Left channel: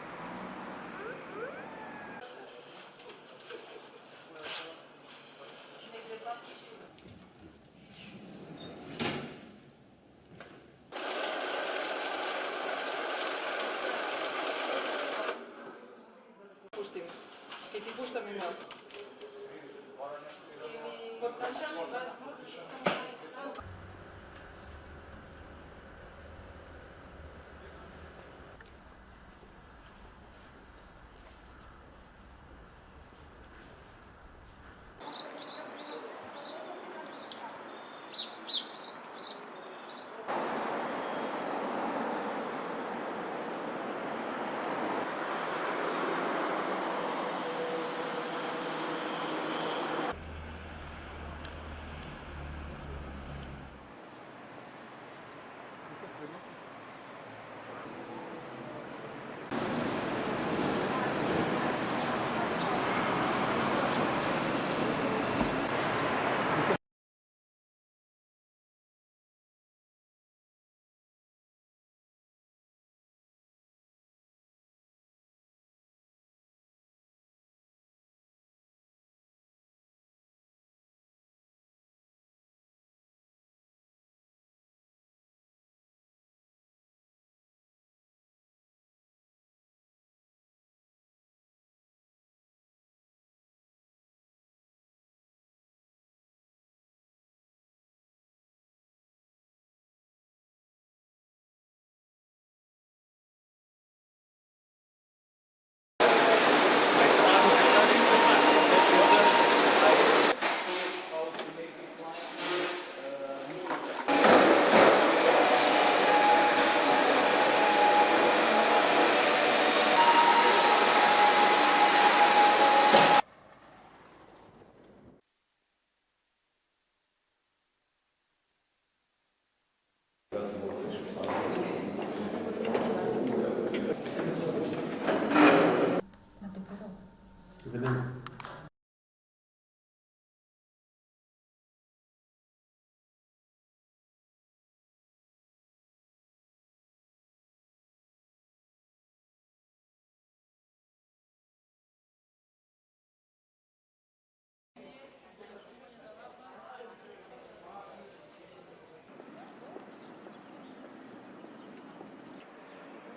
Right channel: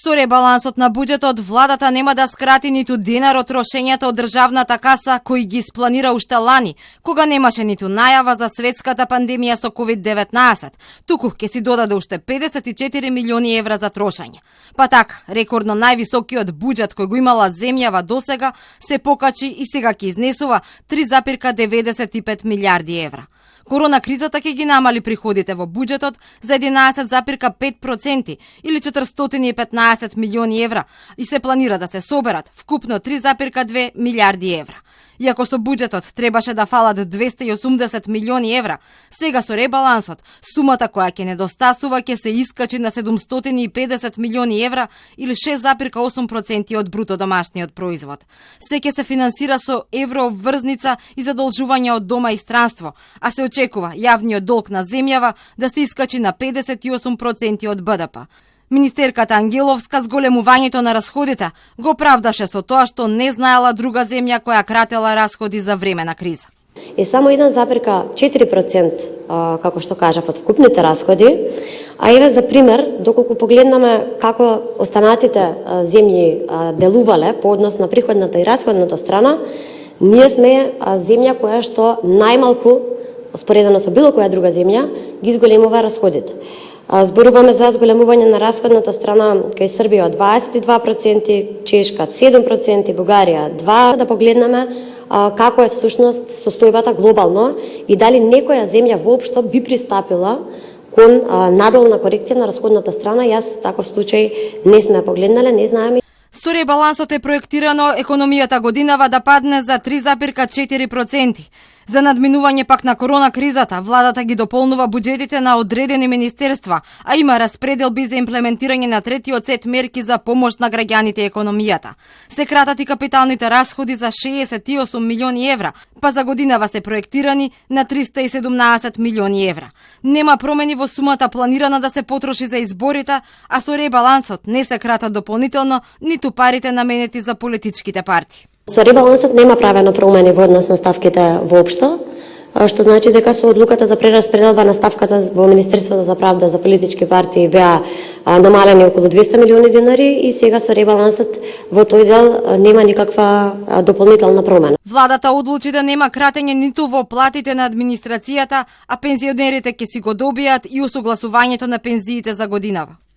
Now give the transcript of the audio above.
Со ребалансот на буџетот, владата нема да скрати ниту денар од трошењата од државната каса кои ги испланира уште лани, кога немаше ниту најава за светската пандемија со COVID-19, туку ќе си додаде уште 54 милиони евра за трошање. Па така, рекордно највисокиот буџет кој го имала земјава досега се покачи и сега ќе изнесува 3,95 милиарди евра. Корона кризата ќе ги намали приходите во буџетот за 11,5% или 415 милиони евра и се планира да се соберат вкупно 3,2 милиарди евра. Иако со буџетот требаше да фалат 280 милиони евра, сега со ребалансот сумата која ќе недостасува ќе се искачи на 750 милиони евра или 6,8% од бруто домашниот производ. Се ќе се финансира со еврообврзница и задолжување од дома и странство, а се очекува јавниот долг на земјава да се искачи на 58% од БДП. Министерката Ангеловска зголемувањето на расходите го правдаше со тоа што не знаела друга земја која кратела расходи за време на криза. Е само 1,4% како што кажав од вкупните расходи, а еве за пример, доколку погледнаме како останатите земји делувале по однос на приходната и расходната страна, ние сме земја која што најмалку, споредено со било која друга земја, ги зголемува расходите. Зборуваме за зголемување на расходната страна кај Србија од 22%, Чешка 7%, Бугарија 2%. Да погледнеме како е всушност состојбата глобално и дали некоја земја воопшто би пристапила кон надолна корекција на расходната страна. Јас таков случај не сме погледнале, не знаеме. Со ребалансот е проектирано економијата годинава да падне за 3,4%. За надминување пак на корона кризата, владата ги дополнува буџетите на одредени министерства, а има распределби за имплементирање на третиот сет мерки за помош на граѓаните и економијата. Се кратат и капиталните расходи за 68 милиони евра, па за годинава се проектирани на 317 милиони евра. Нема промени во сумата планирана да се потроши за изборите, а со ребалансот не се кратат дополнително ниту парите наменети за политичките партии. Со ребалансот нема правено промени во однос на ставките воопшто, што значи дека со одлуката за прераспределба на ставката во Министерството за правда за политички партии беа намалени околу 200 милиони денари и сега со ребалансот во тој дел нема никаква дополнителна промена. Владата одлучи да нема кратење ниту во платите на администрацијата, а пензионерите ќе си го добијат и усогласувањето на пензиите за годинава.